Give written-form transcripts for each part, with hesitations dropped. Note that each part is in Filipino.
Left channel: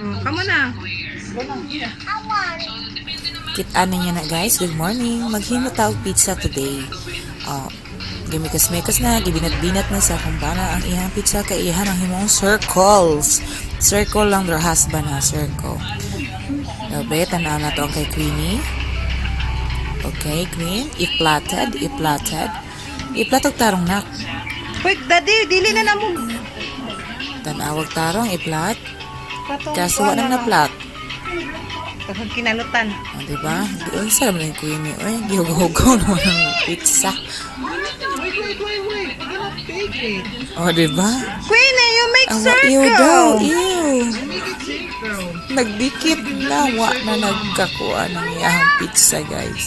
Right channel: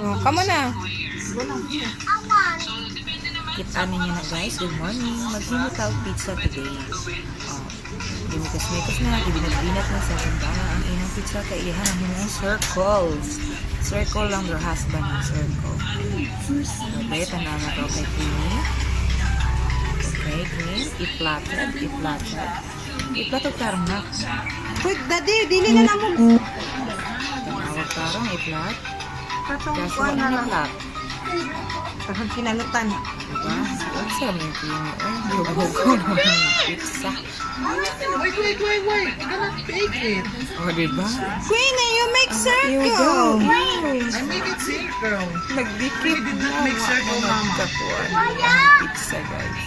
Oh, kamo na. Kit-ano niya na guys, good morning. Maghimo tawag pizza today. Gimikas-mekas na, gibinat-binat na sa kumbana ang ihang pizza kay ihan ang himong circles. Circle lang their husband ha, circle. Dabe, tanaw na to kay Queenie. Okay, Queen. Iplatad. Iplatog tarong nak. Wait, daddy, dili na namo. Tanawag tarong, iplat. Katong Kasi kuha wala na plat. Takag kinalutan. Diba? Doon sa naman yung Queenie. Ay, gihugaw naman ang pizza. Wait. You cannot bake it. Diba? Queenie, you make Ew circle. daw, ew. I make it circle. Nagdikit na, wa na nagkakuha niya ang pizza, guys.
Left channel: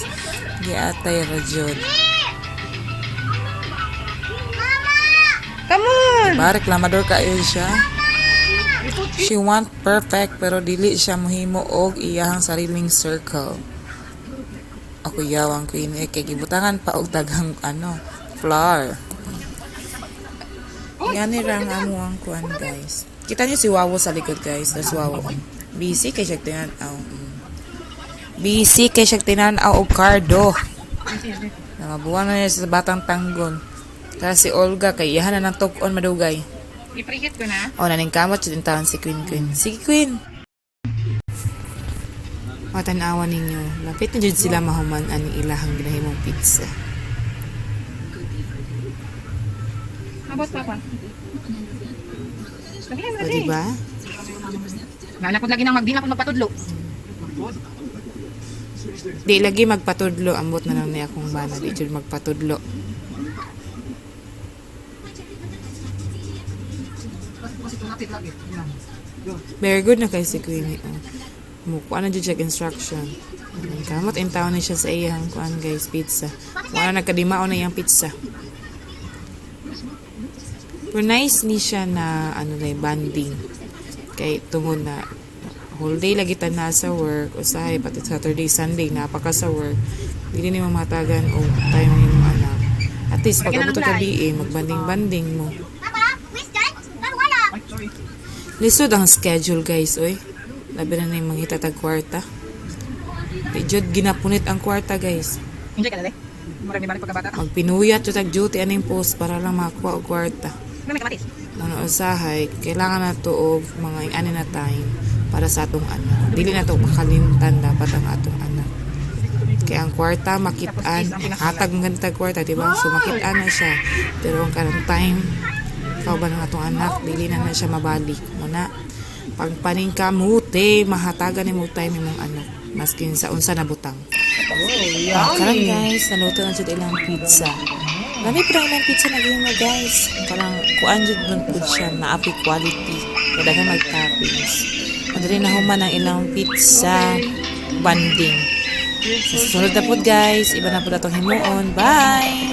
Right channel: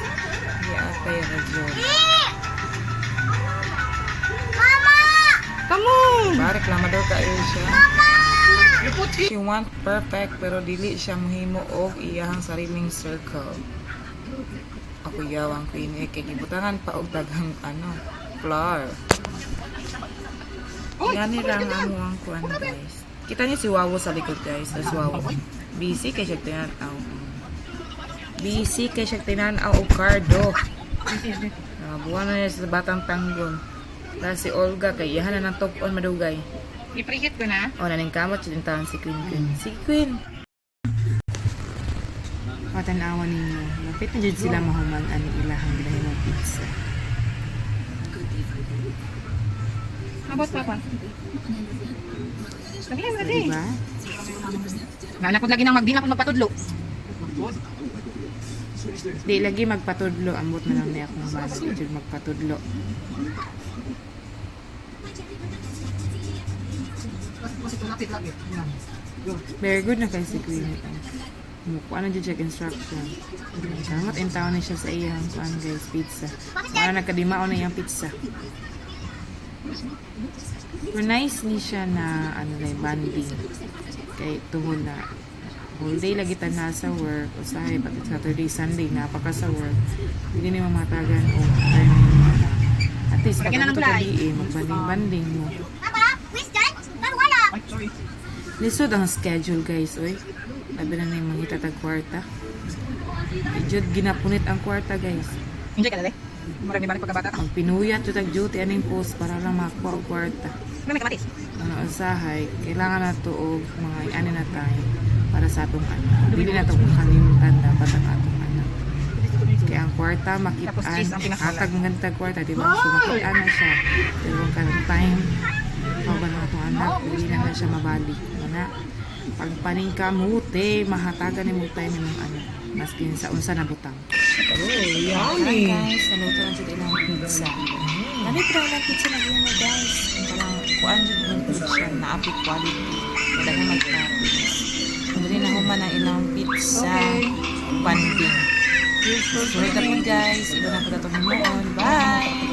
Giatay ra jud. Come on. Ba, reklamador kayo siya. You put She want perfect, pero dili siya mohimo og iyahang sariling circle. Ako yawang Queen, kay gibutangan pa og daghang flour. Yan ni rang amo ang kuan, guys. Kita niyo si Wawo sa likod, guys. That's Wawo. Busy kay siya tinan-aw. Busy kay siya tinan-aw og kardo. Mga buwan na niya sa batang tanggon. Kaya si Olga kay iyahan na ng tok-on madugay. I-preheat ko na. Naning kamot siya din tawon si Queen. Sige, Queen. Matanawan ninyo. Lapit na dyan sila mahuman ang ilahang ginahimong pizza. Abot papa. Lagi na So, diba? Nanakod lagi nang magdina ko magpatudlo. Di lagi magpatudlo. Ambot na lang niya akong bala. Di dyan magpatudlo. Very good na kay si Queenie. Mukuha na dyan siya instruction. Kamot in town na siya sa iyang kuan guys, pizza. Kaya nagkadimao na yung pizza. Pero nice ni siya na banding. Kay tungod na whole day lagi ta na sa work. Usahay pati Saturday, Sunday napaka sa work. Hindi ni mamatagan o time na at least pag ito kaliin, magbanding-banding mo. Lisod ang schedule guys, oy. Labi na yung mga hitatag kwarta. Medyo ginapunit ang kwarta guys. Enjoy ka na de. Marami balik pagkabata. Ang pinuyat to tag duty aning post para lang makakuha og kwarta. May kamatis. Ano usahay, kailangan na to og mga na time para sa atong Dili na to makalimutan dapat ang atong Kaya ang kwarta makitaan, hatag ng ganitag kwarta, di ba? So makitaan na siya. Pero kung karang time, kauban ng atong anak, dili na siya mabalik. Mana, pagpaning kamuti, mahatagan ni mo time ng maskin sa unsa na butang. Karang guys, naluto na siya ilang pizza. Dami pa ilang pizza na gawin na guys. Parang kuan dyan ng food siya, maapi quality. Kada ka mag-toppings. Madali na human ang ilang pizza banding. Susunod na po guys, iba na po na itong himuon. Bye!